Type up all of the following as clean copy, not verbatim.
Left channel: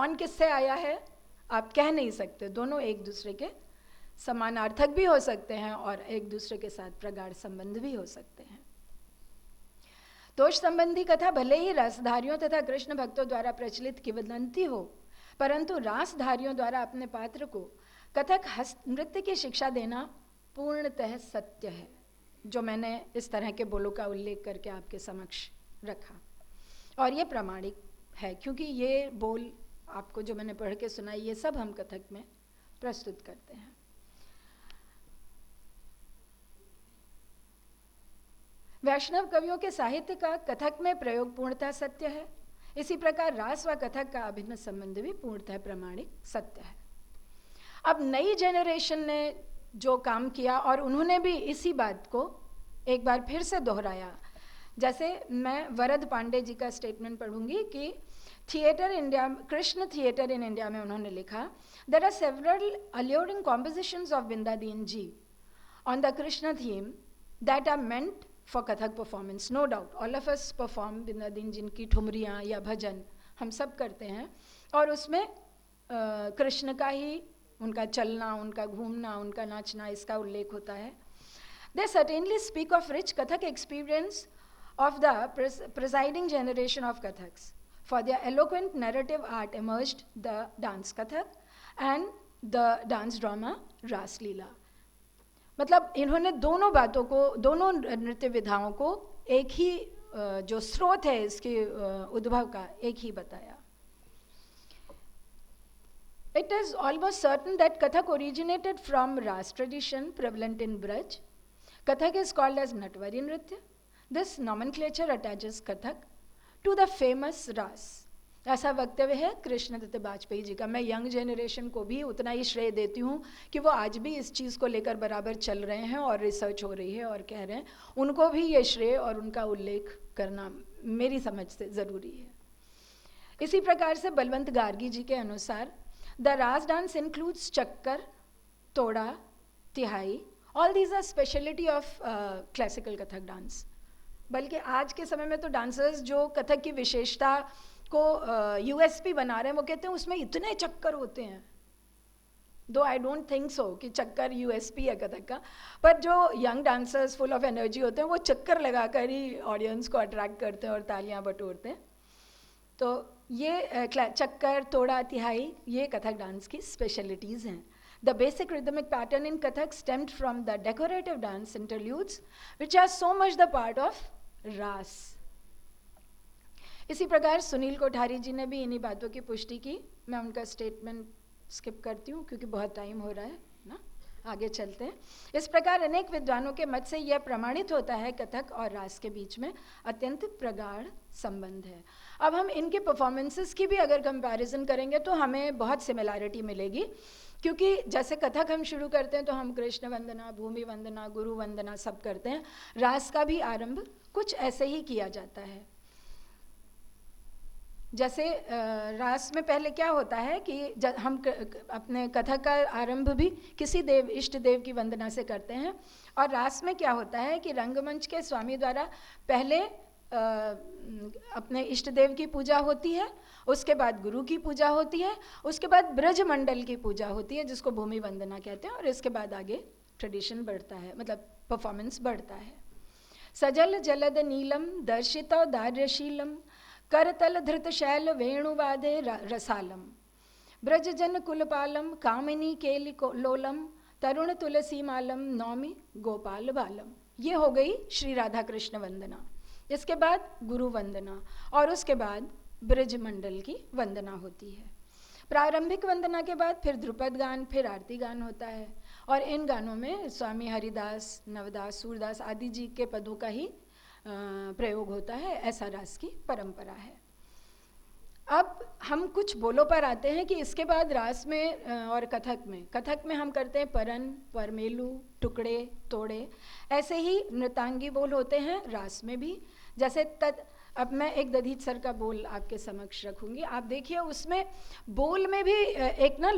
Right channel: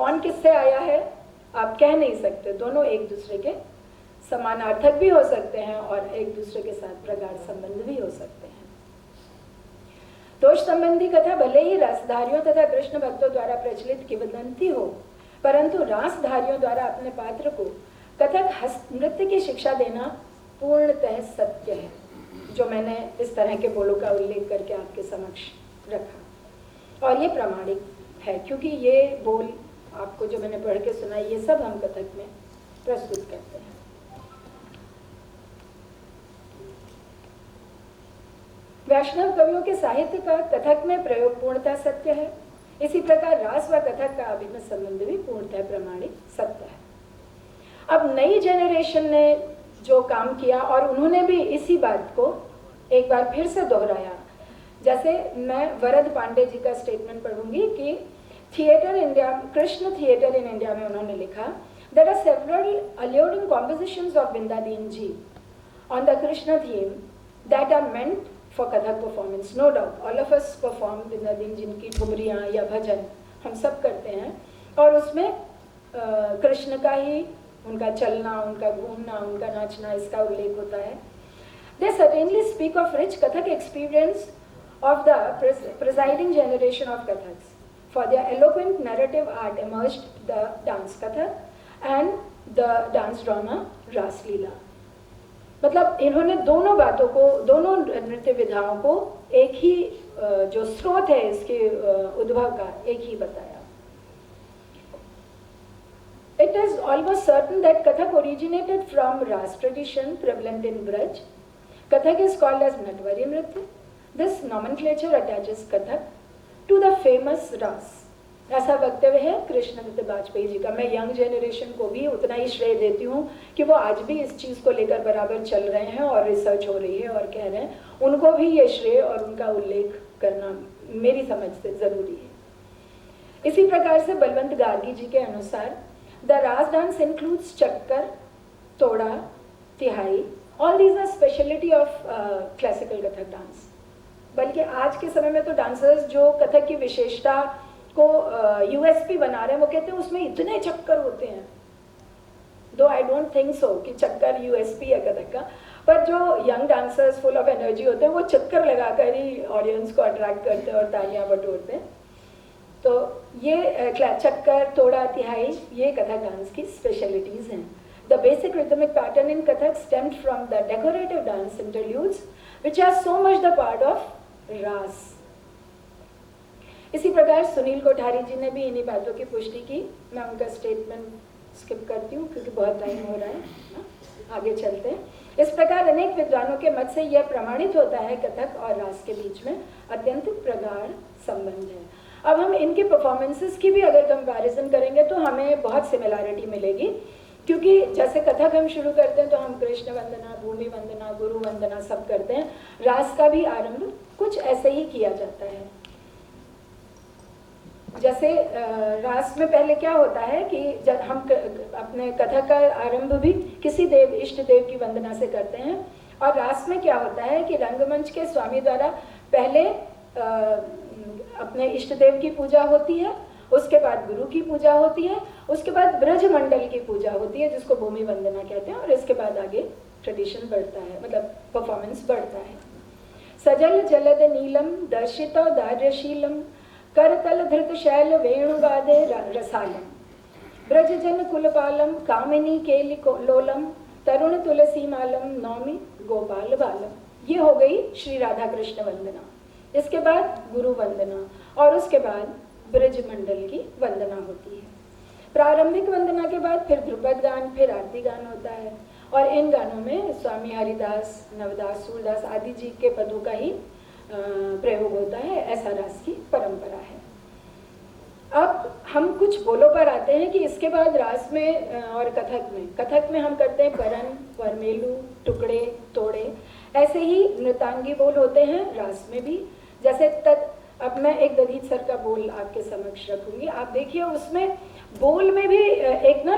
कौन किससे आया है आप कह नहीं सकते, दोनों एक दूसरे के समानार्थक भी हो सकते हैं और एक दूसरे के साथ प्रगाढ़ संबंध भी हो सकते हैं। दोष संबंधी कथा भले ही रसधारियों तथा कृष्ण भक्तों द्वारा प्रचलित किंवदंती हो, परंतु रासधारियों द्वारा अपने पात्र को कथक नृत्य की शिक्षा देना पूर्णतः सत्य है, जो मैंने इस तरह के बोलों का उल्लेख करके आपके समक्ष रखा। और ये प्रामाणिक है, क्योंकि ये बोल आपको जो मैंने पढ़ के सुनाया, ये सब हम कथक में प्रस्तुत करते हैं। वैष्णव कवियों के साहित्य का कथक में प्रयोग पूर्णतः सत्य है। इसी प्रकार रास व कथक का अभिन्न संबंध भी पूर्णतः प्रामाणिक सत्य है। अब नई जनरेशन ने जो काम किया और उन्होंने भी इसी बात को एक बार फिर से दोहराया। जैसे मैं वरद पांडे जी का स्टेटमेंट पढ़ूंगी कि theatre India, Krishna theatre in India में उन्होंने लिखा, there are several alluring compositions of Vrindavan ji on the Krishna theme that are meant for Katha performance. No doubt, all of us perform Vrindavan ji की ठुमरियाँ या भजन हम सब करते हैं, और उसमें कृष्ण का ही, उनका चलना, उनका घूमना, उनका नाचना, इसका उल्लेख होता है। They certainly speak of rich Kathak experience of the presiding generation of Kathaks. For their eloquent narrative art emerged the dance Kathak and the dance drama Ras Leela. मतलब इन्होंने दोनों बातों को, दोनों नृत्य विधाओं को एक ही जो स्रोत है इसके उद्भव का, एक ही बताया। It is almost certain that Kathak originated from Ras tradition prevalent in Braj. Kathak is called as Natwari Nritya. This nomenclature attaches Kathak to the famous Ras. ऐसा वक्तव्य है कृष्णदत्त वाजपेयी जी का। मैं यंग जनरेशन को भी उतना ही श्रेय देती हूँ कि वो आज भी इस चीज़ को लेकर बराबर चल रहे हैं और रिसर्च हो रही है और कह रहे हैं, उनको भी ये श्रेय और उनका उल्लेख करना मेरी समझ से ज़रूरी है। इसी प्रकार से बलवंत गार्गी जी के अनुसार The Ras dance includes chakkar, toda, tihai. All these are speciality of classical Kathak dance. बल्कि आज के समय में तो डांसर्स जो कथक की विशेषता को यूएसपी बना रहे हैं, वो कहते हैं उसमें इतने चक्कर होते हैं। दो आई डोंट थिंक सो कि चक्कर यूएसपी है कथक का, पर जो young dancers full of energy होते हैं वो चक्कर लगाकर ही ऑडियंस को अट्रैक्ट करते हैं और तालियां बटोरते हैं। तो ये चक्कर, तोड़ा, तिहाई, ये कथक डांस की स्पेशलिटीज हैं। The basic rhythmic pattern in Kathak stemmed from the decorative dance interludes, which are so much the part of Ras. इसी प्रकार सुनील कोठारी जी ने भी इन्हीं बातों की पुष्टि की। मैं उनका स्टेटमेंट स्किप करती हूँ क्योंकि बहुत टाइम हो रहा है, आगे चलते हैं। इस प्रकार अनेक विद्वानों के मत से यह प्रमाणित होता है कथक और रास के बीच में अत्यंत प्रगाढ़ संबंध है। अब हम इनकी परफॉर्मेंसेस की भी अगर कंपैरिजन करेंगे तो हमें बहुत सिमिलैरिटी मिलेगी, क्योंकि जैसे कथक हम शुरू करते हैं तो हम कृष्ण वंदना, भूमि वंदना, गुरु वंदना सब करते हैं। रास का भी आरंभ कुछ ऐसे ही किया जाता है। जैसे रास में पहले क्या होता है कि जब हम अपने कथक का आरंभ भी किसी देव, इष्ट देव की वंदना से करते हैं, और रास में क्या होता है कि रंगमंच के स्वामी द्वारा पहले अपने इष्ट देव की पूजा होती है, उसके बाद गुरु की पूजा होती है, उसके बाद ब्रज मंडल की पूजा होती है जिसको भूमि वंदना कहते हैं, और इसके बाद आगे ट्रेडिशन बढ़ता है, मतलब परफॉर्मेंस बढ़ता है। सजल जलद नीलम दर्शिता दार्यशीलम करतल धृत शैल वेणुवादे रसालम ब्रज जन कुलपालम कामिनी केली लोलम तरुण तुलसी मालम नौमी गोपाल बालम। ये हो गई श्री राधा कृष्ण वंदना। इसके बाद गुरु वंदना और उसके बाद ब्रज मंडल की वंदना होती है। प्रारंभिक वंदना के बाद फिर ध्रुपद गान, फिर आरती गान होता है, और इन गानों में स्वामी हरिदास, नवदास, सूरदास आदि जी के पदों का ही प्रयोग होता है। ऐसा रास की परंपरा है। अब हम कुछ बोलों पर आते हैं कि इसके बाद रास में और कथक में हम करते हैं परन, परमेलू, टुकड़े, तोड़े। ऐसे ही नृतांगी बोल होते हैं रास में भी। जैसे अब मैं एक दधीच सर का बोल आपके समक्ष रखूंगी, आप देखिए उसमें बोल में भी एक ना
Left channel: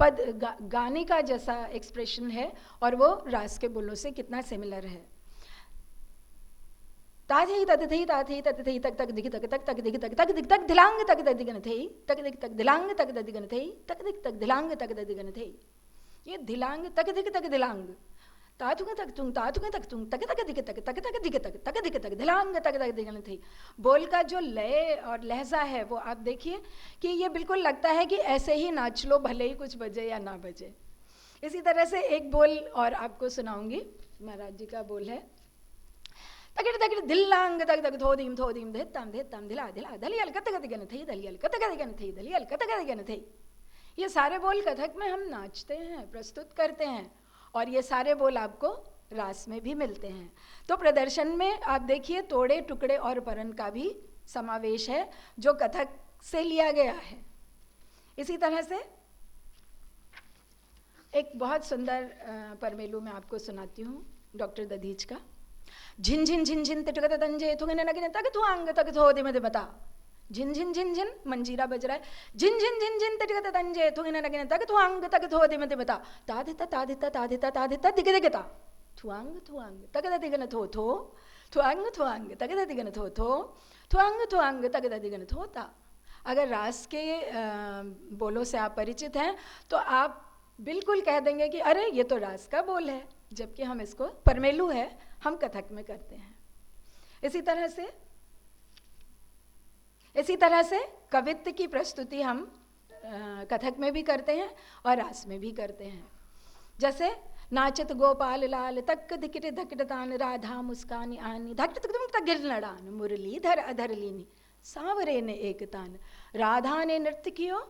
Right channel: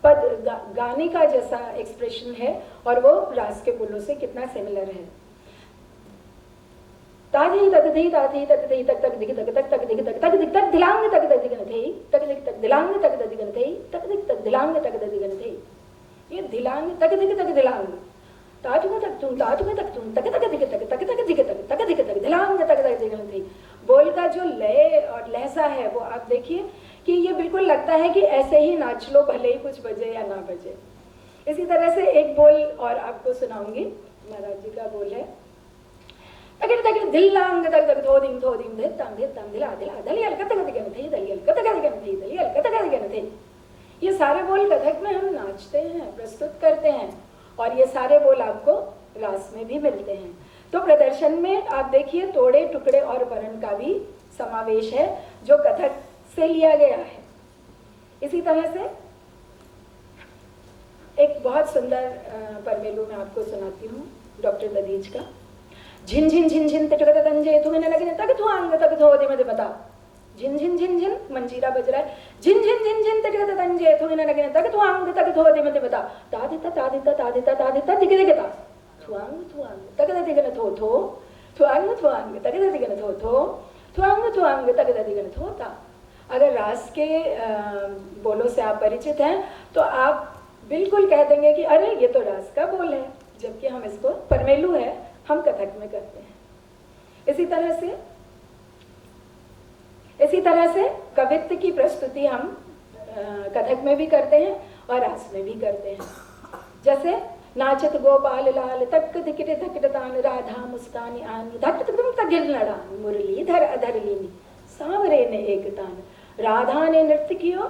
पद गाने का जैसा एक्सप्रेशन है, और वो रास के बोलों से कितना सिमिलर है। ताजी तक धी ताजी तक धी तक तक धी तक तक तक धी तक तक धी तक दिलांग तक धी तक धी तक धी तक दिलांग तक दिगंधे तक दिलांग तक दिगंधे, ये दिलांग तक दिलांग ताज में तक तुम तक दिलांग तक दिगंधे। बोल का जो लय और लहजा है वो आप देखिए कि ये बिल्कुल लगता है कि ऐसे ही नाच लो, भले ही कुछ बजे या ना बजे। इसी तरह से एक बोल और आपको सुनाऊंगी, महाराज जी का बोल है, अरे तक दिलांग तक थोदिंग दे तांगे तांगे आधे आधे ये कतक गंधे। ये सारे बोल कथक में हम नाचते हैं, प्रस्तुत करते हैं, और ये सारे बोल आपको रास में भी मिलते हैं। तो प्रदर्शन में आप देखिए तोड़े टुकड़े और वरण का भी समावेश है जो कथक से लिया गया है। इसी तरह से एक बहुत सुंदर परमेलू मैं आपको सुनाती हूँ डॉक्टर दधीच का। झिन झिन झिन झिन तंजे तूने लगे तक तू आंग तक धो दे मुझे बता। झिन झिन झिन झिन मंजीरा बज रहा है, झिन झिन झिन झिन तंजे तूने लगे तक तू आंग तक धो दे मुझे बता। तादिता तादिता तादिता तादिता दिख देगा थुआंग तक दिगन थो थो थुआंग तक दिगन थो थो थुआंग तक दिगन थो था। अगर रास के बोलों से आप परिचित हैं तो आप बिल्कुल कह देंगे कि अरे ये तो रास का बोल है, जबकि हम इसको परमेलू है हम कथक में करते हैं। इसी तरह से कवित्व की प्रस्तुति हम कथक में भी करते हैं और रास में भी करते हैं। जैसे नाचत गोपाल लाल तक दिखरे धकड़तान राधा मुस्कानी आन धक तुम तगिल लड़ान मुरलीधर अधरलीनी सांवरे ने एक तान राधा ने नृत्य कियो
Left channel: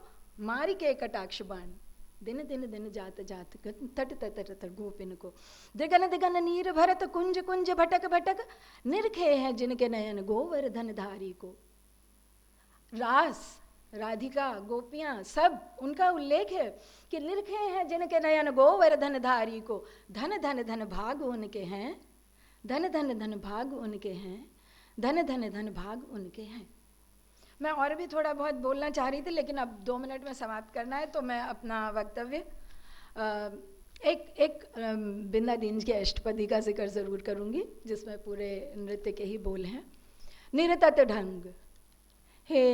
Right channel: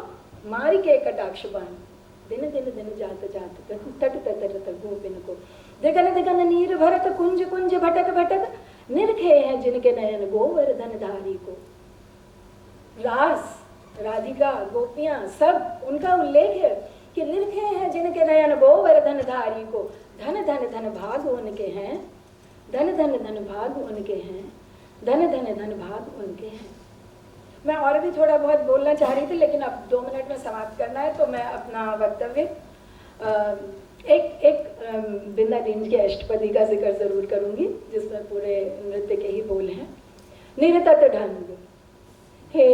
मारी के कटाक्ष बान दिन दिन दिन जात जात तट तट गोपिन को दिगन दिगन नीर भरत कुंज कुंज भटक भटक निरखे हैं जिनके नयन गोवर्धन धारी को। रास राधिका गोपियां सब उनका उल्लेख है कि निरखे हैं जिनके नयन गोवर्धन धारी को। धन धन धन भाग उनके हैं, धन धन धन भाग उनके हैं, धन धन धन भाग उनके हैं। मैं और भी थोड़ा बहुत बोलना चाह रही थी लेकिन अब 2 मिनट में समाप्त करना है, तो मैं अपना वक्तव्य एक बिंदा रेंज की अष्टपदी का जिक्र जरूर करूंगी जिसमें पूरे नृत्य के ही बोल हैं। निरतत ढंग हे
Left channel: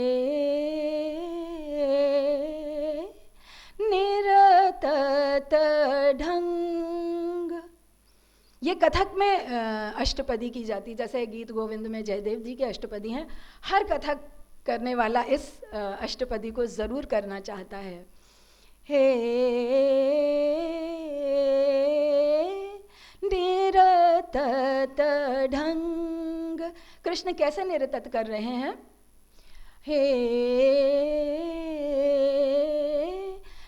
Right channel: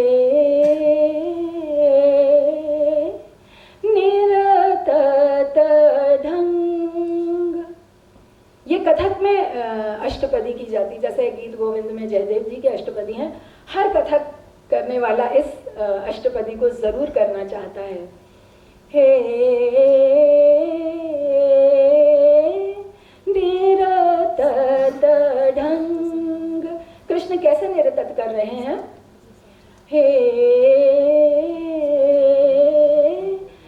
निरतत ढंग, ये कथक में अष्टपदी की जाती, जैसे गीत गोविंद में जयदेव जी की अष्टपदी हैं। हर कथक करने वाला इस अष्टपदी को जरूर करना चाहता है। हे निरतत ढंग, कृष्ण कैसे निरतत कर रहे हैं? हे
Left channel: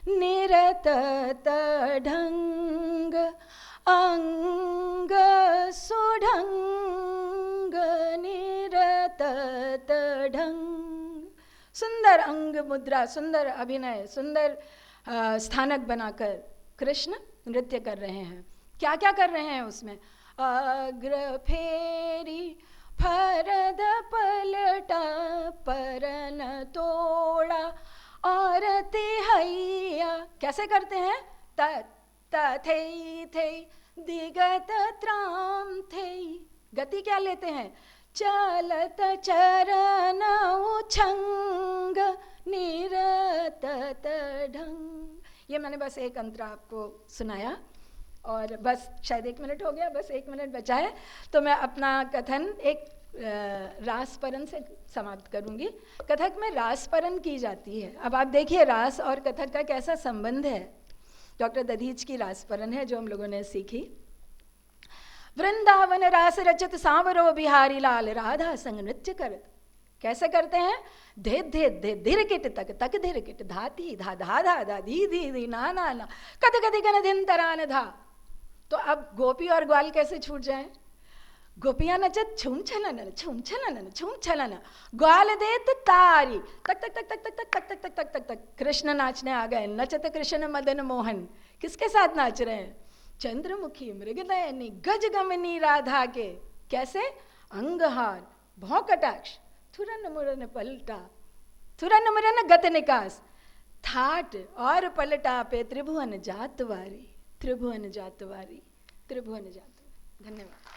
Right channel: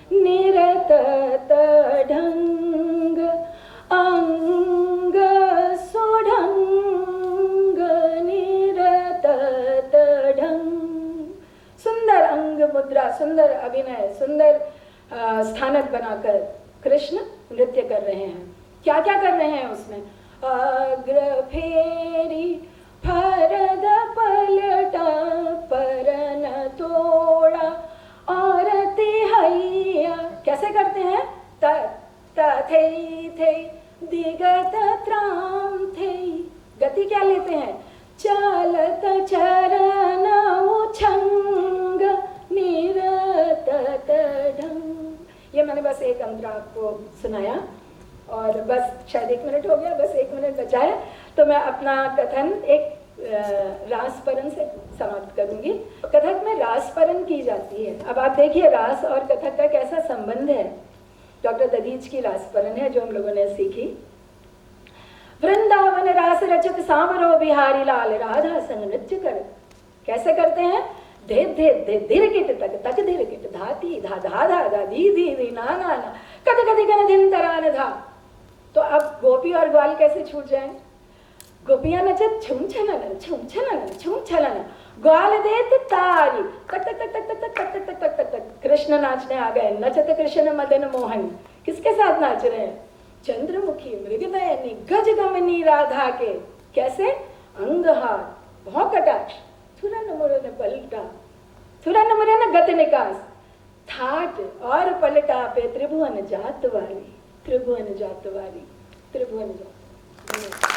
निरतत ढंग अंग सुढंग निरतत ढंग। सुंदर अंग मुद्रा, सुंदर अभिनय, सुंदर स्थानक बनाकर कृष्ण नृत्य कर रहे हैं। क्या क्या कर रहे हैं उसमें? अग्र फेरी फरद पलटा परन तोड़ा और तिहैया, कैसे करते हैं? थई थई दिगत त्राम थई, गति क्या लेते हैं? चलत चरण उछंग निरतत ढंग। ये मैंने बस एक अंक आपको सुनाया और बस शायद 1 मिनट हो गया, बस 1 मिनट बचा है, तो मैं अपना कथन एक रासपरन से समाप्त करूंगी। कथक में रासपरन की जाती है। अब आप देखिए रास और कथक का कैसा संबंध है। डॉक्टर दधीच की रासपरन है जो हम लोगों ने सीखी। वृंदावन रास रचित सामरो बिहारी लाल राधा संग नृत्य कर, कैसे करते हैं? धे धे धे धीर किट तक तक धीर किट धाती धा धा धा धा धी धी धी ना ना कद कद कद दिन तराल धा। तो अब गोपी और ग्वाल कैसे छूट जाए? गोपियां नचत छुम छलन छुम छलन छुम छलन, ग्वाल देत तारी तक तक तक तक तक तक तक तक तक। कृष्ण नाचने आ गए, नचत कृष्ण मदन मोहन, किसके साथ नाच रहे हैं? चंद्रमुखी मृगनयनी गज गमनी राधा के, कैसे? अंगहार भौकटाक्ष थुरन मुरन पलटा, थुरन मुरन गत निकास, थाट और पलटा पे त्रिभुवन जात वाली, त्रिभुवन जात वाली, त्रिभुवन जात।